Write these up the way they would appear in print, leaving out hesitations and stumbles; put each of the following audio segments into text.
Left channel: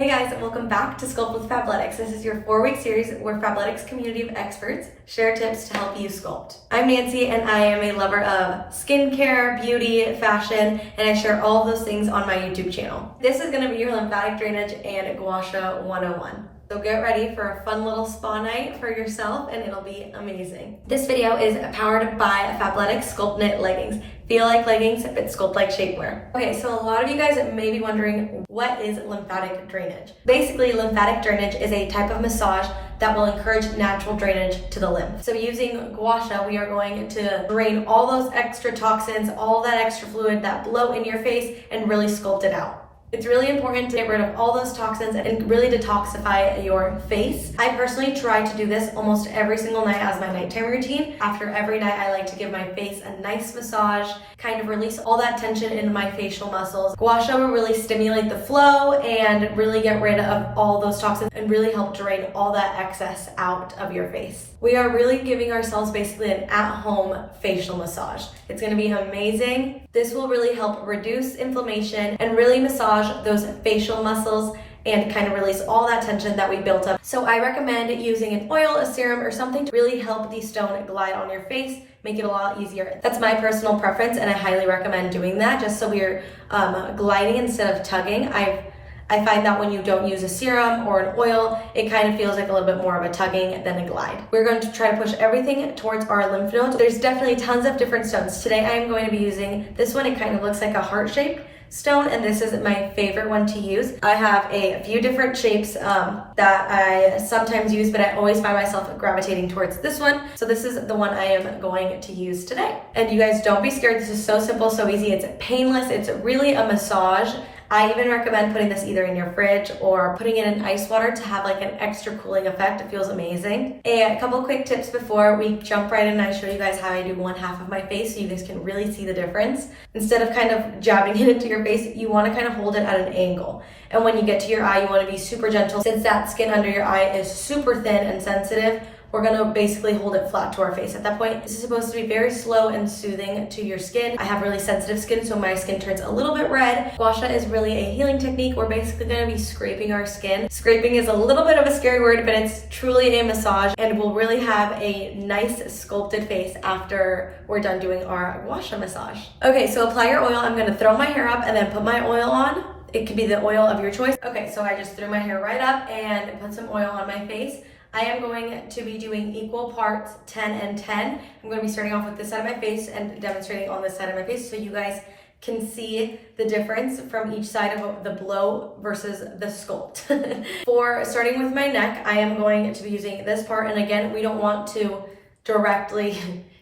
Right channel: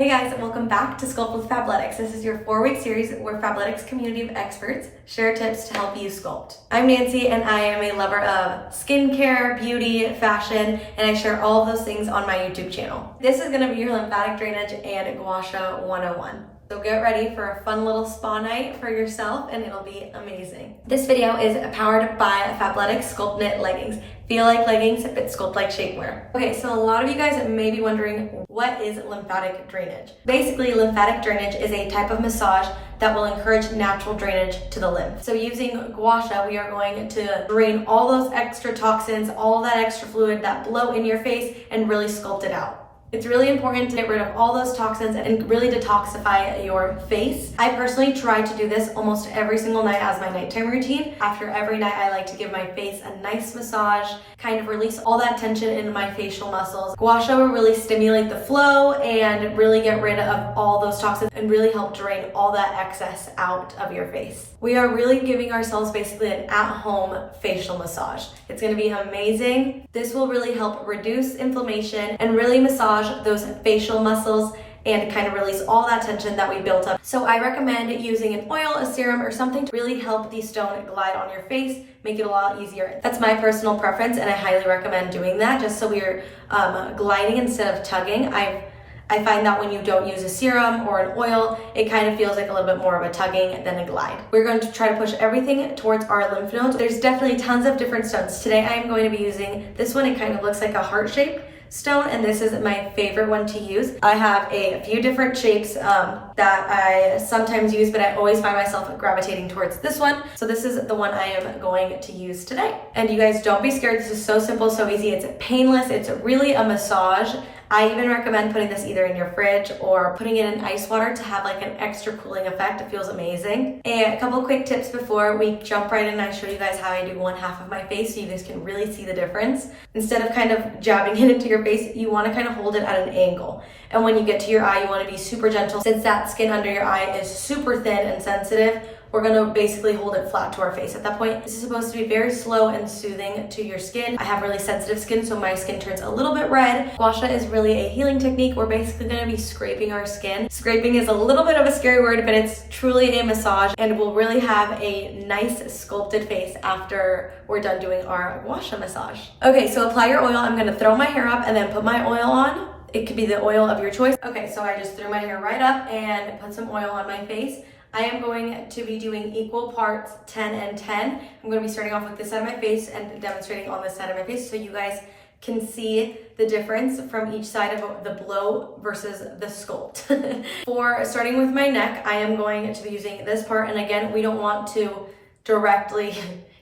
Hey guys, welcome back to Sculpt with Fabletics. This is your 4-week series where Fabletics community of experts share tips to help you sculpt. I'm Nancy and I am a lover of skincare, beauty, fashion, and I share all of those things on my YouTube channel. This is going to be your lymphatic drainage and Gua Sha 101. So get ready for a fun little spa night for yourself and it'll be amazing. This video is powered by Fabletics Sculpt Knit leggings. Feel like leggings, but sculpt like shapewear. Okay, so a lot of you guys may be wondering, what is lymphatic drainage? Basically, lymphatic drainage is a type of massage that will encourage natural drainage to the lymph. So using Gua Sha, we are going to drain all those extra toxins, all that extra fluid, that bloat in your face, and really sculpt it out. It's really important to get rid of all those toxins and really detoxify your face. I personally try to do this almost every single night as my nighttime routine. After every night, I like to give my face a nice massage, kind of release all that tension in my facial muscles. Gua Sha will really stimulate the flow and really get rid of all those toxins and really help drain all that excess out of your face. We are really giving ourselves basically an at-home facial massage. It's gonna be amazing. This will really help reduce inflammation and really massage those facial muscles and kind of release all that tension that we built up. So I recommend using an oil, a serum, or something to really help the stone glide on your face, make it a lot easier. That's my personal preference and I highly recommend doing that just so we're gliding instead of tugging. I find that when you don't use a serum or an oil, it kind of feels like a little bit more of a tugging than a glide. We're going to try to push everything towards our lymph nodes. There's definitely tons of different stones. Today I am going to be using this one. It kind of looks like a heart-shaped stone, and this is my favorite one to use. I have a few different shapes that I sometimes use, but I always find myself gravitating towards this one. So this is the one I am going to use today. And you guys, don't be scared. This is so simple, so easy. It's painless. It's really a massage. I even recommend putting this either in your fridge or putting it in ice water to have like an extra cooling effect. It feels amazing. And a couple quick tips before we jump right in and I show you guys how I do one half of my face so you guys can really see the difference. Instead of kind of jabbing it into your face, you want to kind of hold it at an angle. And when you get to your eye, you want to be super gentle. Since that skin under your eye is super thin and sensitive, we're gonna basically hold it flat to our face. At that point, this is supposed to be very slow and soothing to your skin. I have really sensitive skin, so my skin turns a little bit red. Gua Sha is really a healing technique. We're basically gonna be scraping our skin. Scraping is a little bit of a scary word, but it's truly a massage and we'll really have a nice sculpted face after we're done doing our Gua Sha massage. Okay, so apply your oil. I'm gonna throw my hair up and then put my oil on. It could be the oil of your choice. Okay, so I just threw my hair right up and put some oil on my face. I am going to be doing equal parts 10 and 10. I'm going to be starting off with this side of my face and demonstrating on this side of my face so you guys can see the difference from each side of the blow versus the sculpt. For starting with my neck, I am going to be using this part, and again, we don't want to directly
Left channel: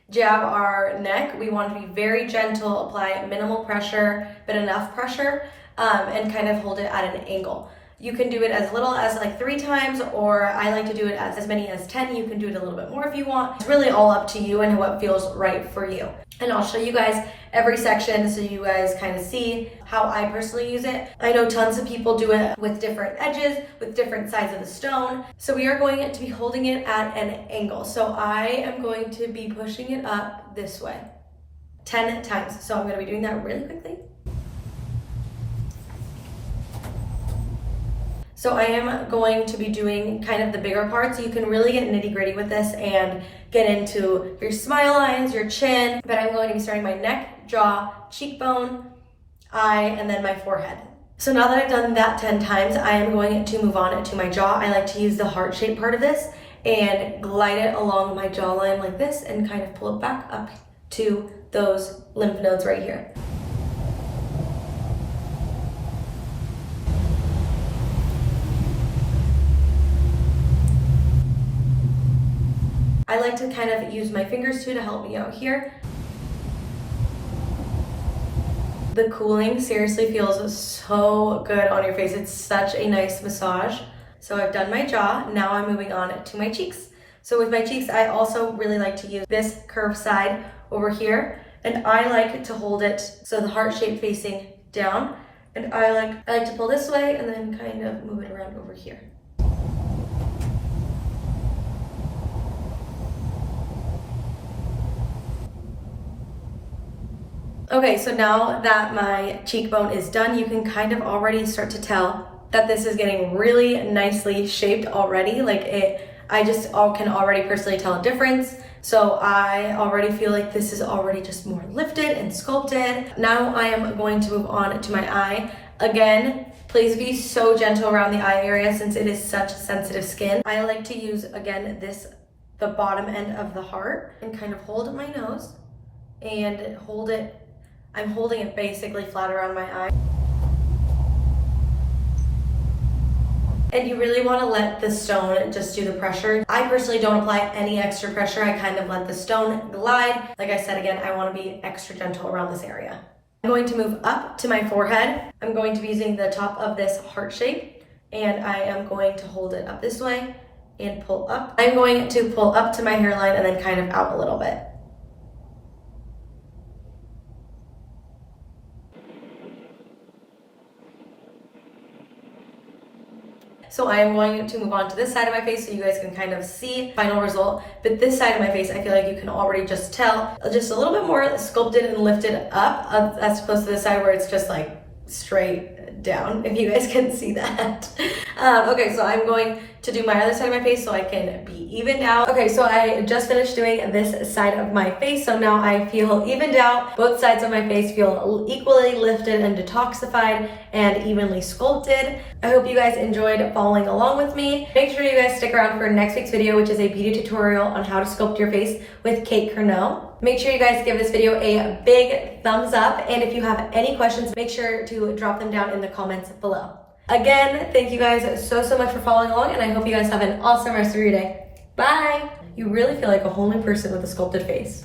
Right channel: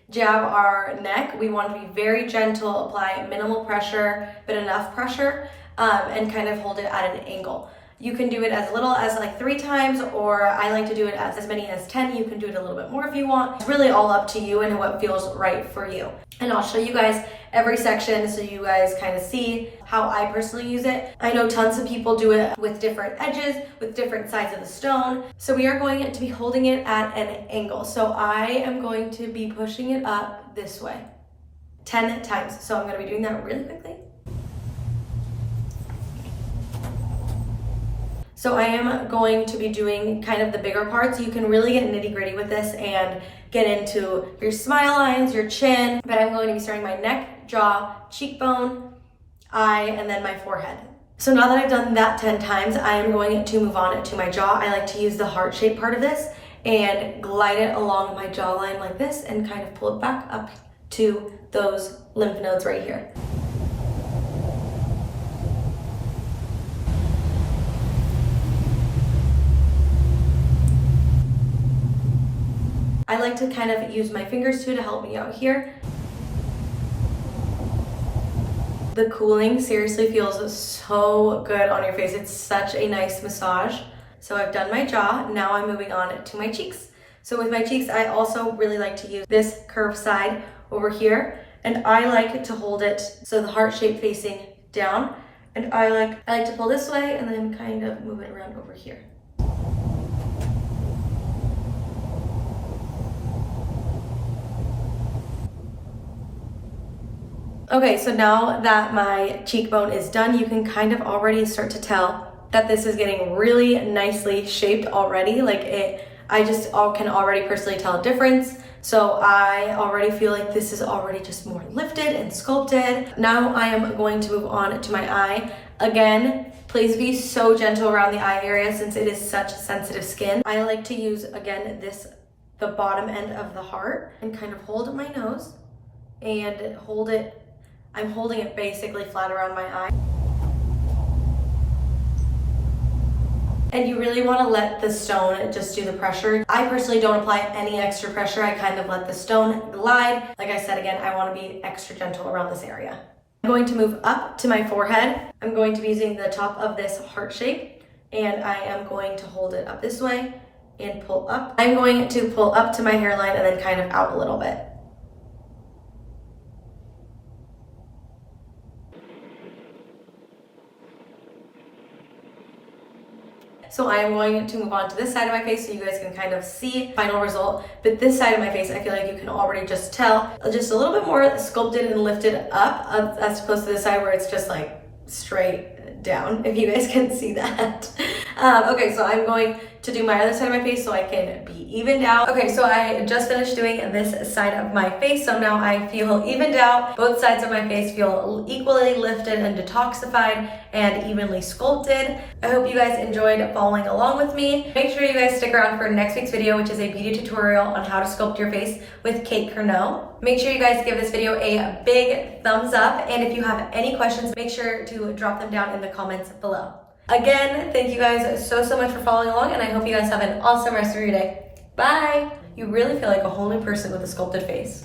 jab our neck. We want to be very gentle, apply minimal pressure, but enough pressure, and kind of hold it at an angle. You can do it as little as like 3 times, or I like to do it as many as 10. You can do it a little bit more if you want. It's really all up to you and what feels right for you. And I'll show you guys every section so you guys kind of see how I personally use it. I know tons of people do it with different edges, with different sides of the stone. So we are going to be holding it at an angle. So I am going to be pushing it up this way 10 times. So I'm going to be doing that really quickly. So I am going to be doing kind of the bigger parts. You can really get nitty gritty with this and get into your smile lines, your chin, but I'm going to be starting my neck, jaw, cheekbone, eye, and then my forehead. So now that I've done that 10 times, I am going to move on to my jaw. I like to use the heart-shaped part of this and glide it along my jawline like this and kind of pull it back up to those lymph nodes right here. I like to kind of use my fingers too to help me out here. The cooling seriously feels so good on your face. It's such a nice massage. So I've done my jaw, now I'm moving on to my cheeks. So with my cheeks, I also really like to use this curved side over here, and I like to hold it so the heart shape facing down, and I like to pull this way and then kind of move it around over here. Okay, so now that my cheekbone is done, you can kind of already start to tell that this is getting really nicely shaped already. I just can already personally tell a difference. So I already feel like this is already just more lifted and sculpted. Now I am going to move on to my eye. Again, please be so gentle around the eye area since it is such sensitive skin. I like to use, again, the bottom end of the heart and kind of hold my nose and hold it. I'm holding it basically flat around my eye. And you really want to let the stone just do the pressure. I personally don't apply any extra pressure. I kind of let the stone glide. Like I said, again, I want to be extra gentle around this area. I'm going to move up to my forehead. I'm going to be using the top of this heart shape, and I am going to hold it up this way and pull up. I'm going to pull up to my hairline and then kind of out a little bit. So I am going to move on to this side of my face so you guys can kind of see final result. But this side of my face, I feel like you can already just tell just a little bit more sculpted and lifted up as opposed to the side where it's just like straight down, if you guys can see that. Okay, so I'm going to do my other side of my face so I can be evened out. Okay, so I just finished doing this side of my face, so now I feel evened out. Both sides of my face feel equally lifted and detoxified and evenly sculpted. I hope you guys enjoyed following along with me. Make sure you guys stick around for next week's video, which is a beauty tutorial on how to sculpt your face with Kate Curnow. Make sure you guys give this video a big thumbs up, and if you have any questions, make sure to drop them down in the comments below. Again, thank you guys so much for following along, and I hope you guys have an awesome rest of your day. Bye! You really feel like a whole new person with a sculpted face.